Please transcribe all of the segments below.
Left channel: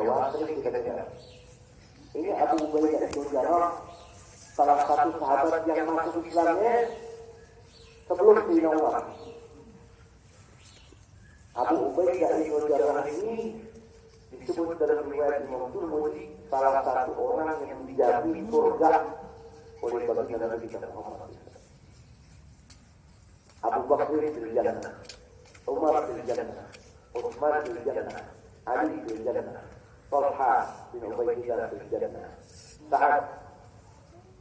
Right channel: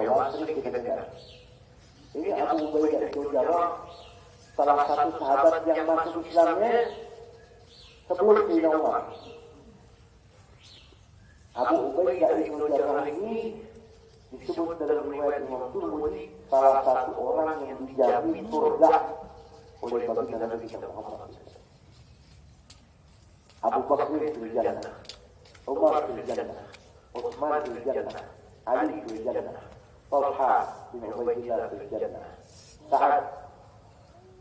hewan sering kita dengar. Ini Abu Ubaidah bin Jarrah, salah satu sahabat yang masuk Islamnya sebelum Sayyidina Umar. Abu Ubaidah bin Jarrah ini disebut dalam riwayat Imam Tirmidzi salah satu orang yang dijamin surga oleh baginda Nabi kita Muhammad. Abu Bakar fil jannah, Umar fil jannah, Utsman fil jannah, Ali fil jannah, Talha bin Ubaidillah fil jannah, Sa'ad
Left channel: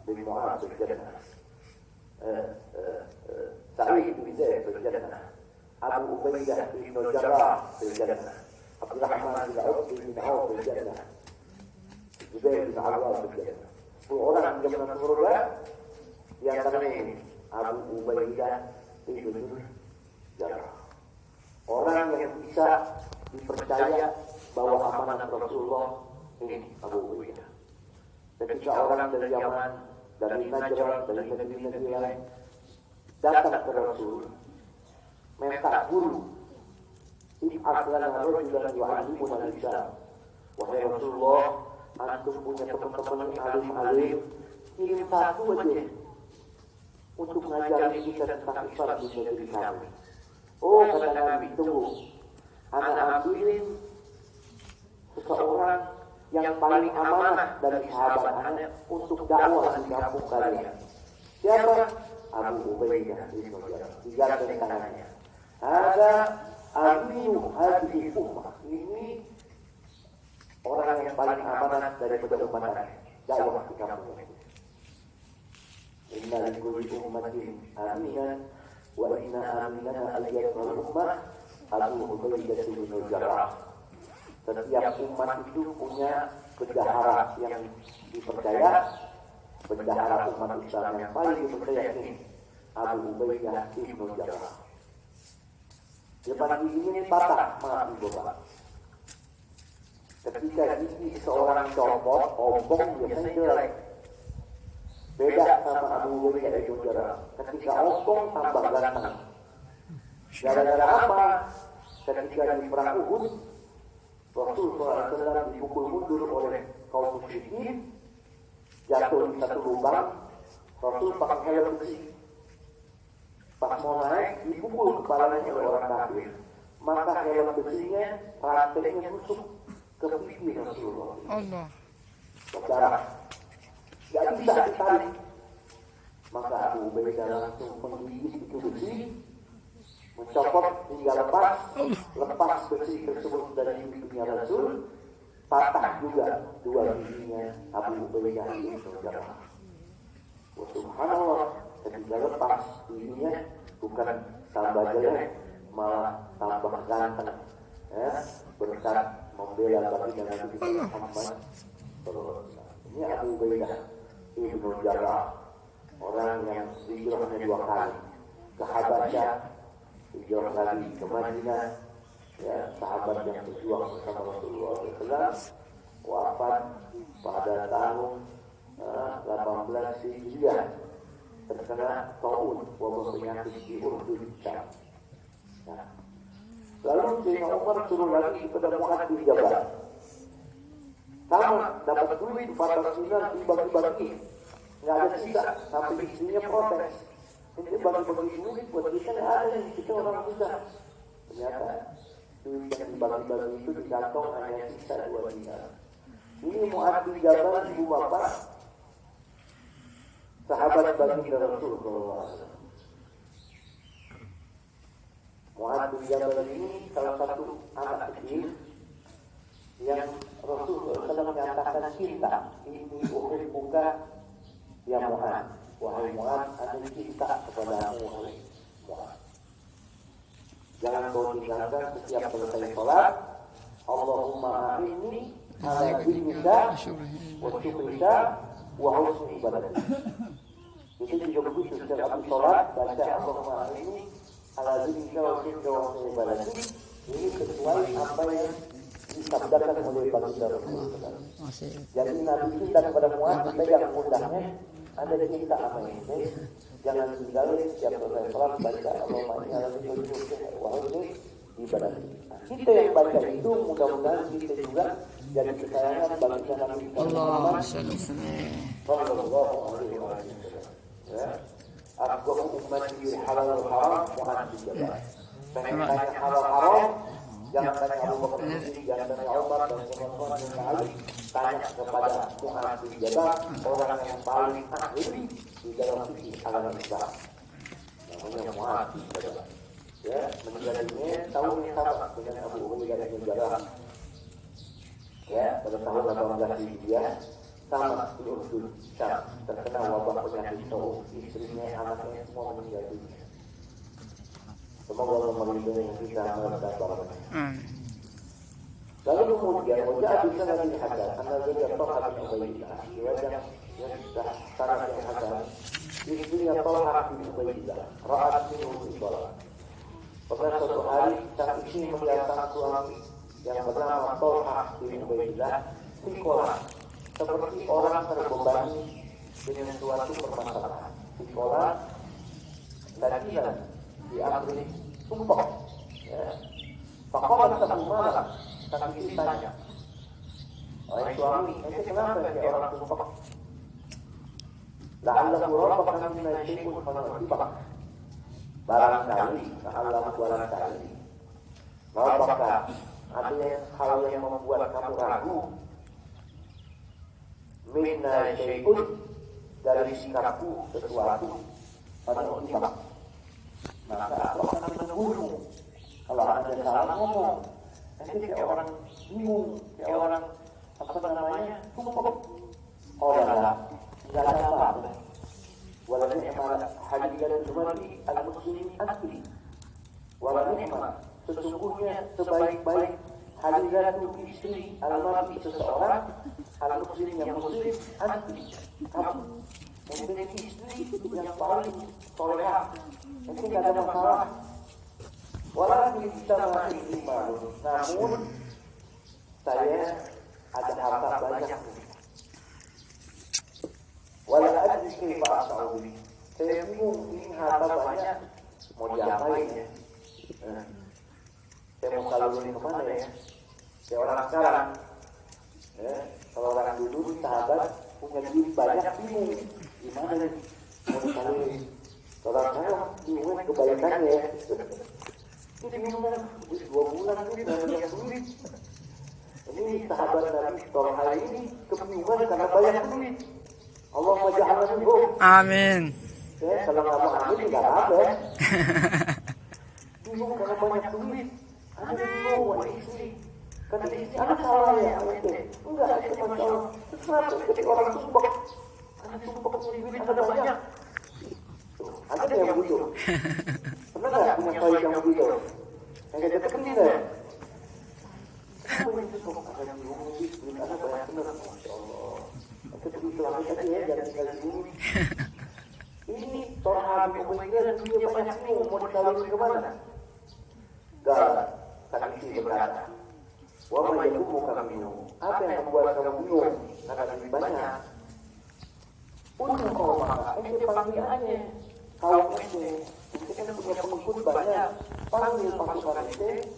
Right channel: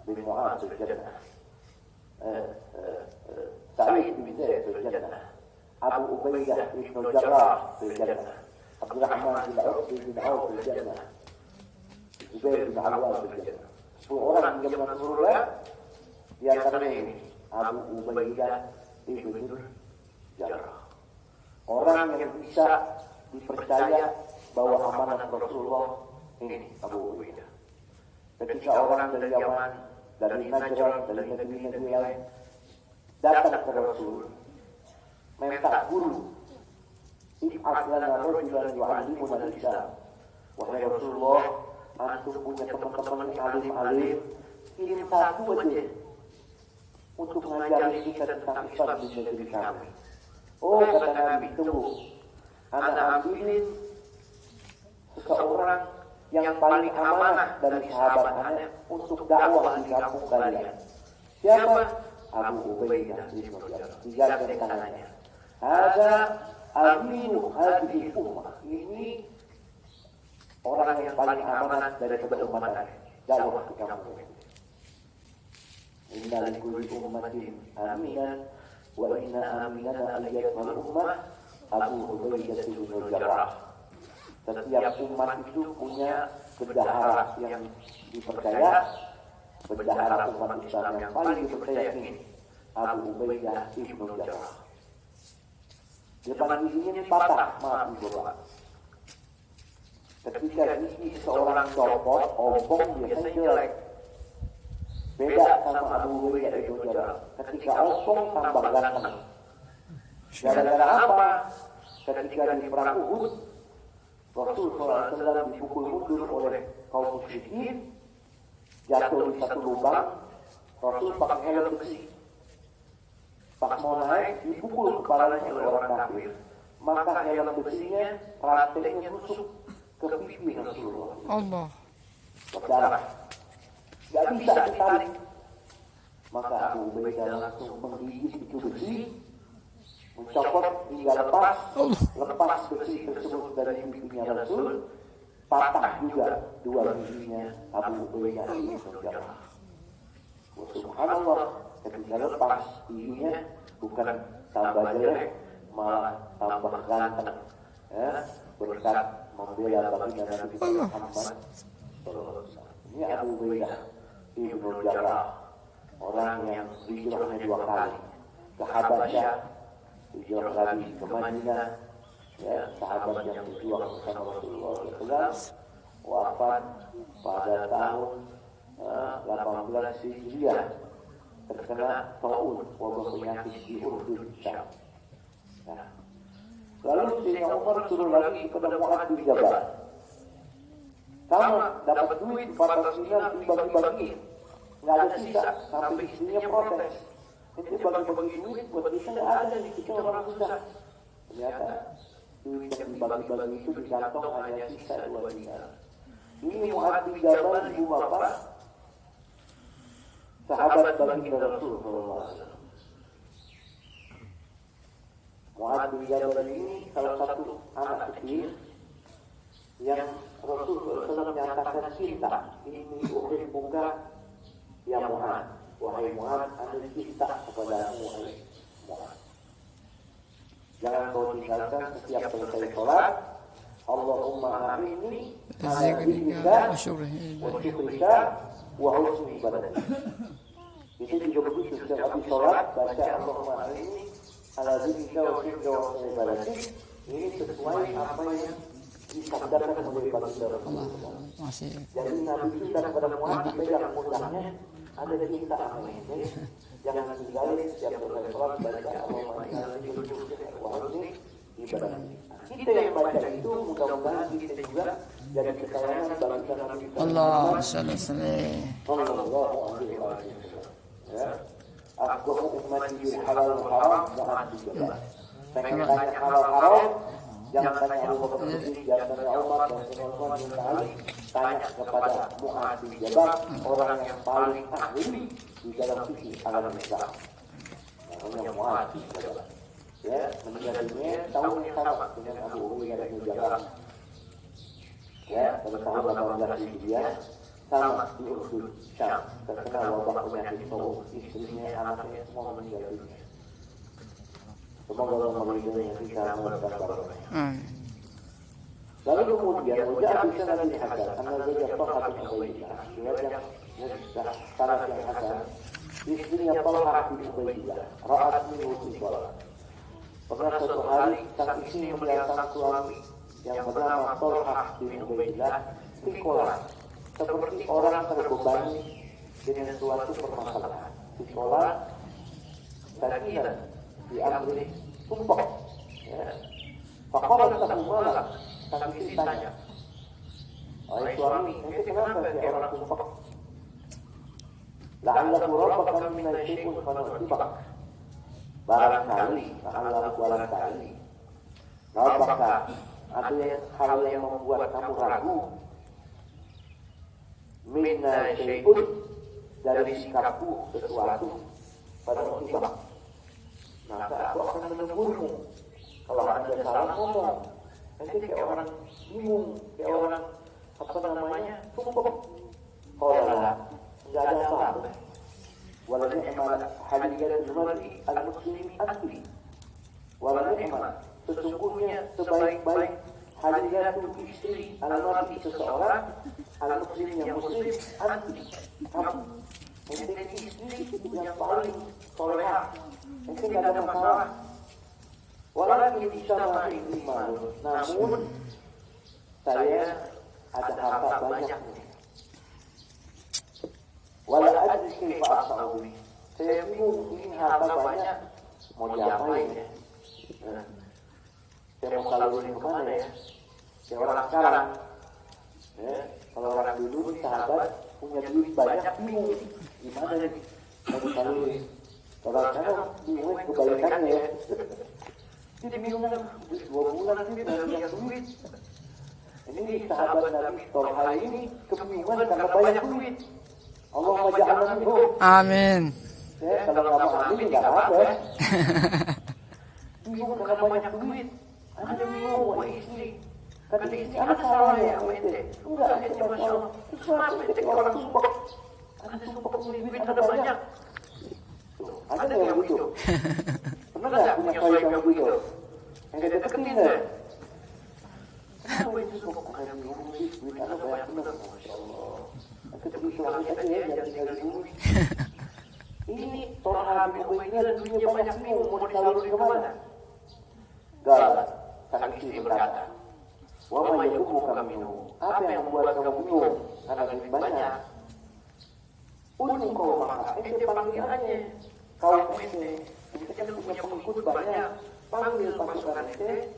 bin Mu'adz fil jannah, Sa'id bin Zaid fil jannah, Abu Ubaidah bin Jarrah fil jannah, Abdurrahman bin Auf fil jannah, Zubair bin Awwam fil jannah. 10 orang yang masuk surga di antara ini Abu Ubaidah bin Jarrah. Orang yang bisa dipercaya bahwa amanat Rasulullah ini Abu Ubaidah. Ketika orang dari Yaman, dari Najran, dari negeri-negeri lain datang ke Rasul, minta guru, ib'at lana rajulan yu'allimuna al-Islam. Wahai Rasulullah, antum punya teman-teman yang alim-alim, kirim satu aja untuk mengajari kita tentang Islam di negeri kami. Oh, kata Nabi, tunggu. Ana ambilin seseorang yang paling amanah dari sahabat Anda untuk dakwah di kampung kalian. Siapa? Abu Ubaidah bin Jarrah. Digandeng tangannya. Ada aminu hadhihi ummah. Ini orang yang paling amanah dari umat dakwah di kampung ini. Inna likulli ummatin aminan wa inna aminan aliyatul ummah Abu Ubaidah bin Jarrah. Setiap umat itu punya bendahara yang dipercaya. Bendahara umat Islam yang paling dipercaya ini Abu Ubaidah bin Jarrah. Zaman ini patah maaf Bapak. Ketika gigi seorang copot, ompong biasanya jelek. Beda sama Abu Ubaidah bin Jarrah. Ketika ompong tambah ganteng. Gara-gara apa? Ketika di perang Uhud, Rasulullah SAW dipukul mundur oleh kaum musyrikin, jatuh di satu lubang. Rasul pakai helm besi. Pas mau naik, dipukul kepalanya oleh orang kafir. Maka helm besinya, rantainya tusuk ke pipi Rasulullah. Allah. Berdarah. Gak bisa ditarik. Maka Abu Ubaidah langsung menggigit itu besi, mencopot hingga lepas besi tersebut dari pipinya Rasul, patah juga dua giginya Abu Ubaidah bin Jarrah. Subhanallah, ketika lepas giginya bukan tambah jelek, malah tambah ganteng. Ya, berkat membela baginda Nabi Muhammad. Ini Abu Ubaidah bin Jarrah, orang yang hijrahnya 2 kali ke Habasyah, hijrah lagi ke Madinah, ya, sahabat yang berjuang bersama Rasulullah SAW, wafat pada tahun 18 Hijriah, terkena taun wabah penyakit di Urdun Syam. Nah, lalu Sayyidina Umar suruh lagi kepada Mu'adz bin Jabal, sama dapat duit 400 dinar dibagi-bagi, nggak ada sisa, sampai istrinya protes. Ini bagi-bagi duit buat kita nggak ada nih, kita orang susah. Ternyata duit yang dibagi-bagi itu di kantong hanya sisa 2 dinar. Ini Mu'adz bin Jabal ibu bapak, sahabat baginda Rasulullah. Mu'adz bin Jabal ini salah satu anak kecil yang Rasulullah SAW menyatakan cinta. Ini uhibbuka ya Mu'adz. Wahai Mu'adz, aku cinta kepadamu oleh Mu'adz. Jangan kau tinggalkan setiap selesai sholat. Allahumma a'inni ala dinika wa syukrika wa husni ibadatik. Itu juga begitu setiap habis sholat baca Allahumma a'inni ala dinika wa syukrika wa husni ibadatik. Ini sesuai apa yang disabdakan oleh baginda Rasulullah. Jadi Nabi kita kepada Mu'adz dipegang pundaknya, ada cinta apa ini? Jangan tinggalin setiap selesai sholat baca Allahumma a'inni ala dinika wa husni ibadatik. Kita yang baca itu mudah-mudahan kita juga jadi kesayangan bagi Nabi Muhammad sallallahu alaihi wasallam. Ya, aku ummati halal wal haram ma'ati jelas. Pengen tanya halal haram, jangan tanya Abu Bakar Siddiq, jangan tanya Umar, jangan tanya Ali, tanya kepada Mu'adz bin Jabal, orang yang paling ahli di dalam fikih agama Islam. Namanya Mu'adz bin Jabal. Ya, meninggalnya tahun yang sama dengan Abu Ubaidah bin Jarrah. Ya, pada tahun 18 Hijriah sama di Uhud, Syam. Terkena wabah penyakit Tauf, istrinya, anaknya semua meninggal dunia. Semoga Allah melindungi kita barokahnya. Lalu kemudian wajah bisa dilihat karena dia Talha bin Ubaidillah. Yang sangat Hasan, istrinya Talha bin Ubaidillah, ra'at minhu istiqalah. Pernah suatu hari sang istri melihat sang suami yang bernama Talha bin Ubaidillah istiqalah, seperti orang terbebani dengan suatu permasalahan. Istiqalah sakinan diambil sumpah. Ya. Fakolah tentang malam, tentang istri tanya, wahai suami, ente kenapa kayak orang sumpah? La'allahu rabbaka minna syai'un fanurtibak. Barangkali Rabbaka ada hal yang membuat kamu ragu. Minna syai'un dari sikapku sesuatu fanurtibak. Maka aku akan menegurmu kalau anda ada salah ngomong. Nanti kayak orang bingung, kayak orang sumpah. Oh enggak ada apa-apa. Walau ni'mat hadiran jumali al-muslimi asli. Walau ni'mat sesungguhnya sebaik-baik hadiran istri al-mar'i seseorang al-muslim yang muslim asli. Kamu menjadi istri yang paling solehah. Ini tidak ada masalah. Walaupun kita masih iman, namun saya ada harta banyak. Walau ada kaifa asnawi. Saya bingung ini harta banyak mau diapain ya? Saya mau salurin kemana ya? Kayak orang sekarang. Ya, kalau orang dulu sahabat punya duit banyak bingung. Gimana nih? Mau salurin. Kalau sekarang bingung kebalikannya. Jadi bingung kan, 2 bulan ini dengan banyak duit. Ini sahabat Nabi Talha ini kebingungan karena banyak duit. Allahumma ja'alna minhum. Amin. Kalau nggak mau amin nggak apa ya. Bingung karena banyak duit. Ada bingung sama istri. Kata istri, ada salah ya sama ente? Enggak, ente masya Allah. Terus kenapa ente orang sumpah? Ente sumpah punya duit ada banyak. Ada yang begitu. Pernah nggak punya suami yang begitu? Yang dia deketin deh. Kenapa itu sumpah yang bingung sih? Duit ada banyak benar, masya Allah. Kita bilang aja jangan tinggal di bumi. Ini Talha bin Ubaidillah duitnya banyak bingung mau disaluri kemana? Gak, sang istri berkata, wa ma yakubuka minhu. Apa yang membuat kamu bingung karena duit banyak? Untuk kau maka ente panggil aja kaum ente. Kita punya pengikut banyak. Panggil pasukan ente.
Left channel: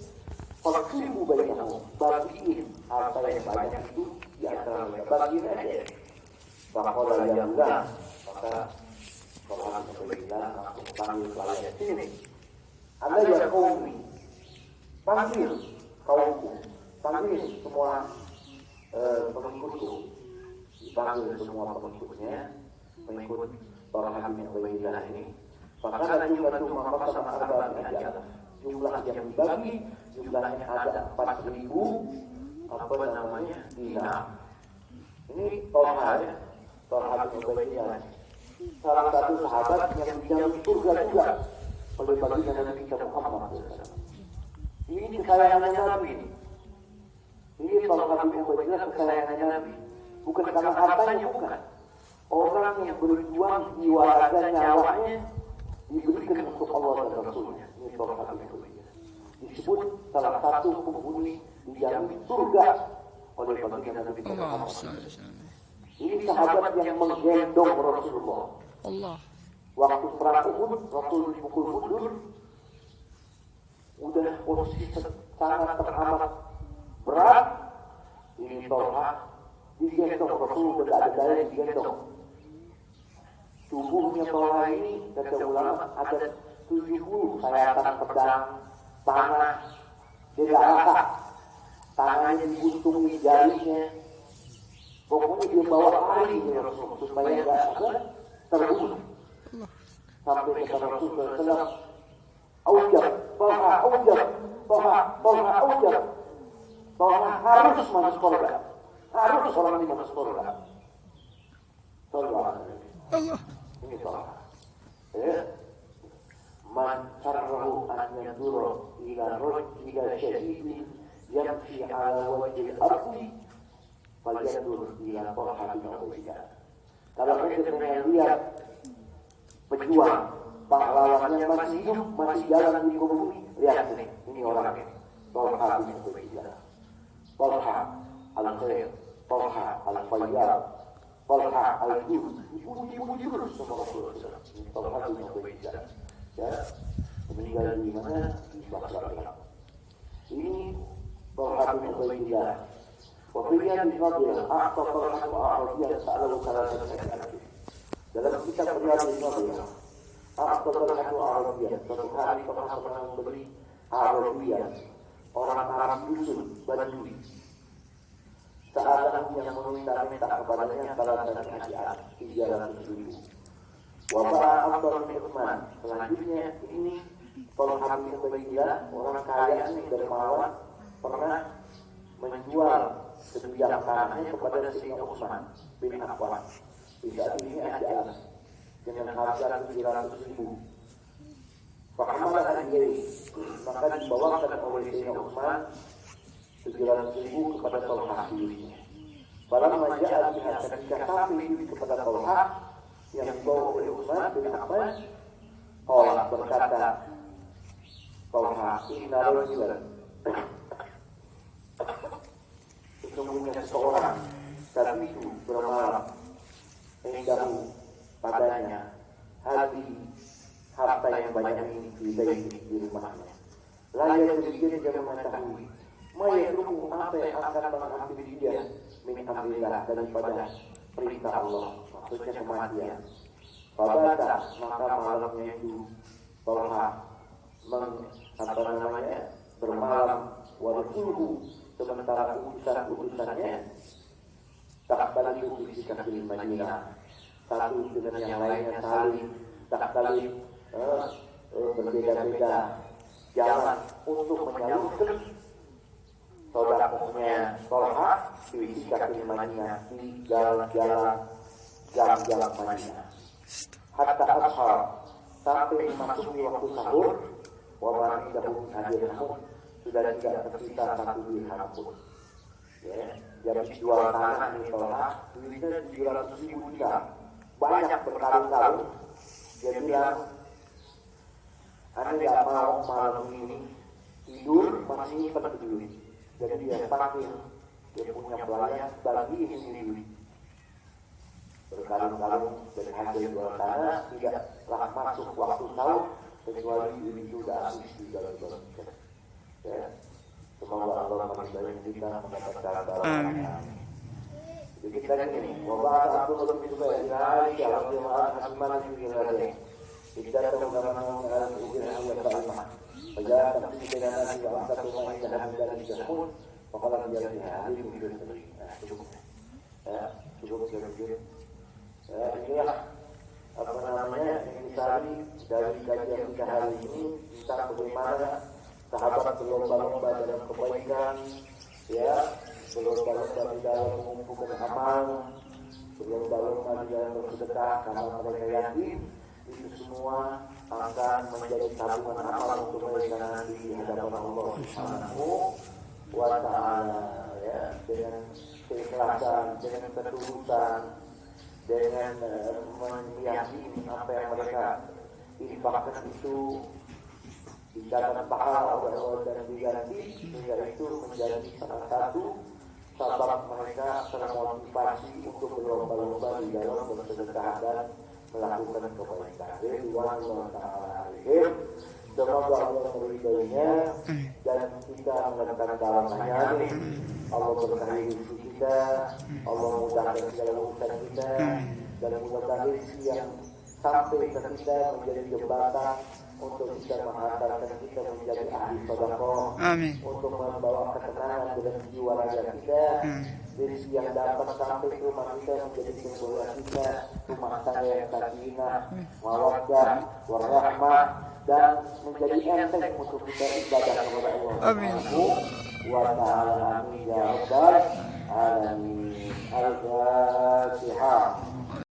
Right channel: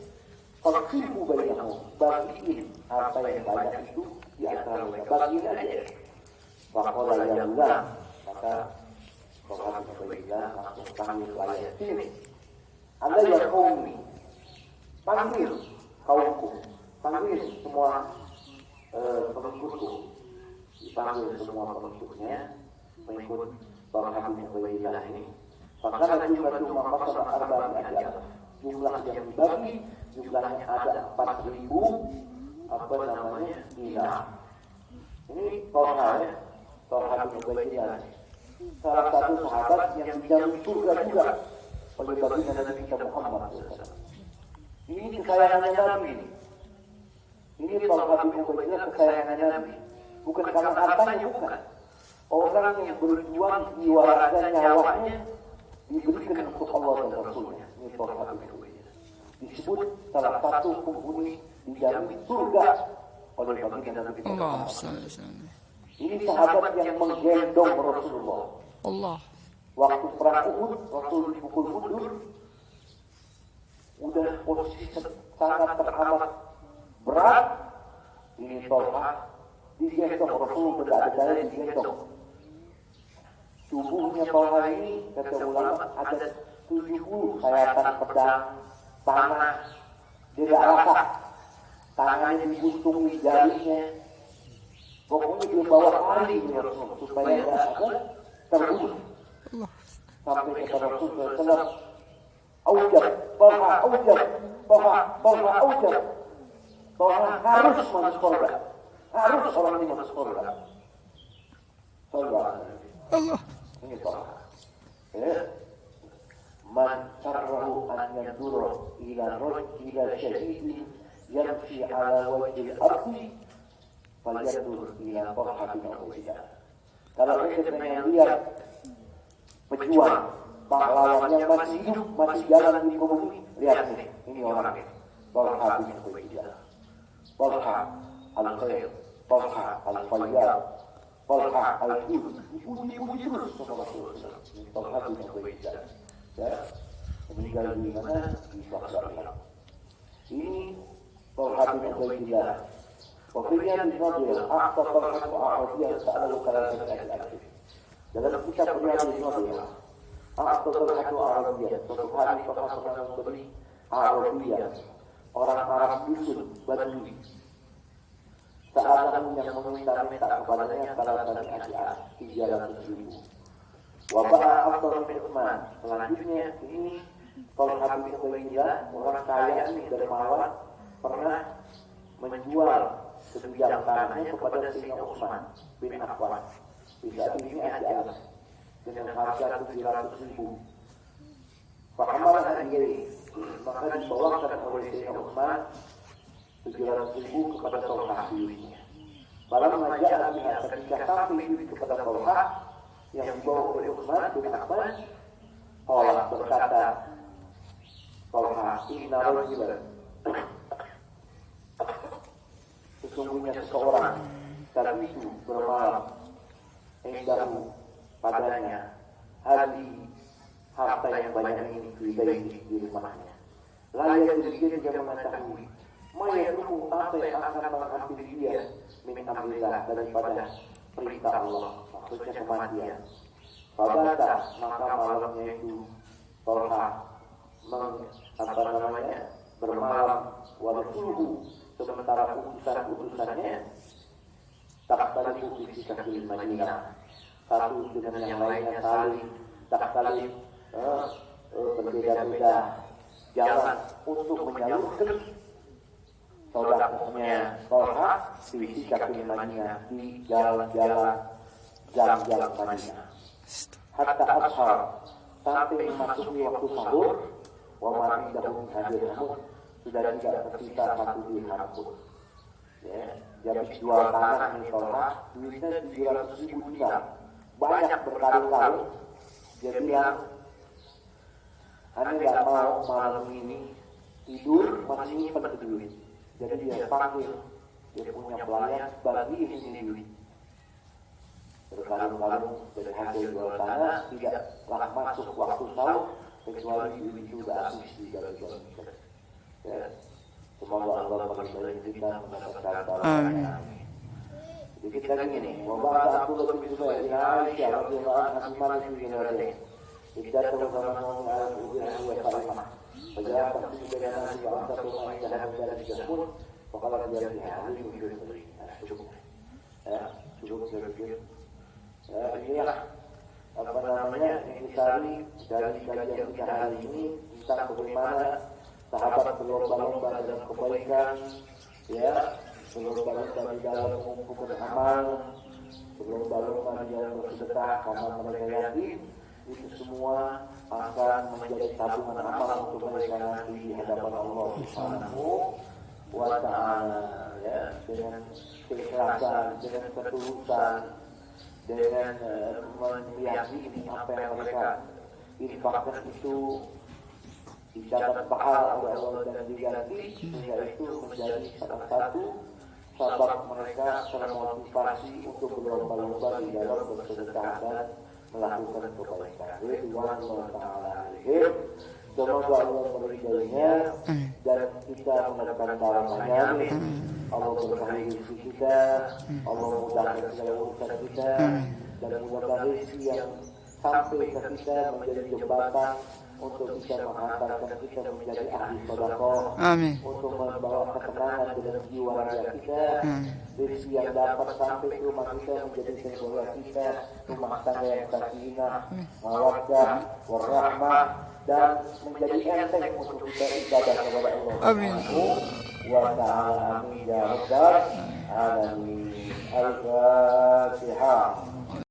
Faksimu bainahu, bagiin apa yang banyak itu di antara mereka, bagiin aja. Bahwa Allah, maka Talha bin Ubaidillah langsung panggil pelayan sini. Anda yang kaumi, panggil kaumku, panggil semua pengikutku, dipanggil semua pengikutnya, mengikut Talha bin Ubaidillah ini. Maka jumlah itu maka sama arba'in aja. Jumlah yang dibagi, jumlahnya ada 4.000 dinar. Ini Talha ya. Talha bin Ubaidillah, salah satu sahabat yang dijamin surga juga oleh baginda Nabi kita Muhammad SAW. Ini kesayangannya Nabi ini. Ini Talha bin Ubaidillah kesayangannya Nabi. Bukan karena hartanya, bukan. Orang yang berjuang jiwa raga nyawanya diberikan untuk Allah dan Rasulnya. Ini Talha bin Ubaidillah. Disebut salah satu penghuni dijamin surga oleh baginda Nabi kita Muhammad. Ini sahabat yang menggendong Rasulullah. Allah. Waktu perang Uhud, Rasul dipukul mundur. Udah posisi sangat teramat berat. ini Tolha digendong, Rasul berada digendong. Tubuhnya Tolha ini kata ulama ada 70 sayatan pedang, panah, tidak rasa, tangannya dibuntungi jarinya. Pokoknya dia bawa lari ya Rasul supaya terbunuh. Sampai kata Rasul SAW, Aujab, Tolha harus masuk surga. Harus orang ini masuk surga. Allah. Ini Tolha. Ya. Man sarrahu an yandura ila syahidin yamshi ala wajhil ardi falyandur ila Tolha bin Ubaidillah. Kalau kita pengen lihat pejuang pahlawannya masih hidup, masih jalan di muka bumi, lihat ini orang ini. Tolha bin Ubaidillah, Tolha al-Khair, Tolha al-Fayyad, Tolha al-Jud. Dipuji-puji terus sama Rasulullah. Tolha bin Ubaidillah. Ya, meninggal di mana? Di Baghdad. Ini Tolha bin Ubaidillah. Kemudian Nabil Akhtar Tolha Arabiyah sa'alu salasati. Dalam kitab Riyadhus Shalihin, Akhtar Tolha Arabiyah, suatu hari Tolha pernah membeli Arabiyah, orang Arab dusun Badui. Saat yang meminta-minta kepadanya salah satu hadiah 300.000. Wabah Abdul bin Utsman. Selanjutnya ini Tolha bin Ubaidillah, orang kaya ini dari Melawan, pernah menjual sebidang tanahnya kepada Sayyidina Utsman bin Affan. Bisa ini aja dengan harga 300.000. Bagaimana diri maka dibawakan oleh Sayyidina Utsman 300.000 kepada Tolha duitnya. Barang majalah ketika sampai duit kepada Tolha yang dibawa oleh Utsman bin Affan, Tolha berkata, Tolha inna rajulan, sesungguhnya seseorang dan itu bermalam indahu padanya hadi harta yang banyak ini di rumahnya. Layak dia jangan mengetahui maya dulu apa yang akan mengambil dia min amrillah daripada perintah Allah, maksudnya kematian. Fabata maka malamnya itu Tolha bermalam warasuhu sementara utusan-utusannya tak saling berbicara di Madinah, satu dengan yang lainnya saling tak saling berbeda-beda jalan untuk menyalurkan saudaranya Tolha di kaki Madinah, di jalan-jalan jam-jam Madinah. Hatta ashar sampai memasuki waktu sahur, wabah dahulu hadirun sudah tidak tersisa satu dirham pun. Jadi jual tanah ini Tolha duitnya 300.000 dirham, banyak berkarung-karung. Dia bilang, anda nggak mau malam ini tidur masih nyimpan duit. Jadi dia panggil dia punya pelayan, bagi sini duit. Berkarung-karung dari hasil jual tanah tidaklah masuk waktu sahur kecuali duit sudah habis di jalan-jalan. Semoga Allah meridai kita mendapatkan barokahnya. Jadi kita gini, wabah Abdullah bin Zubair Aisyah radhiyallahu anha mimman yuridatain. Kita terutama mengenai wa Fatimah. Sejak dengan Nabi Muhammad SAW dari Jahun, bahwa dia hari ini cukup. Ya, cukup kira-kira. Inilah apa namanya intisari dari kajian kita hari ini tentang bagaimana sahabat berlomba-lomba dalam kebaikan, ya, berlomba-lomba di dalam mengumpulkan amal, berlomba-lomba di dalam bersedekah karena mereka yakin itu semua akan menjadi tabungan amal untuk mereka nanti di hadapan Allah Subhanahu wa Ta'ala, ya, dengan keikhlasan, dengan ketulusan, dengan meyakini apa yang mereka infakkan itu dicatat pahala oleh Allah dan diganti, sehingga itu menjadi salah satu sebab mereka termotivasi untuk berlomba-lomba di dalam bersedekah dan melakukan kebaikan. Ridwan Allah Ta'ala alaihim. Semoga Allah meridainya dan kita mendapatkan barokahnya. Amin. Allah berkahi rezeki kita, Allah mudahkan segala urusan kita, dan semoga rezeki yang sampai ke kita menjadi jembatan untuk bisa menghantarkan kita menjadi ahli sedekah, untuk membawa ketenangan dalam jiwa raga kita, rezeki yang dapat sampai ke rumah kita menjadi keluarga kita, rumah tangga yang sakinah, mawaddah, warahmah, dan menjadi enteng untuk kita ibadah kepada Allah. Amin. Wa ta'ala amin ya rabbal alamin. Al-Fatihah.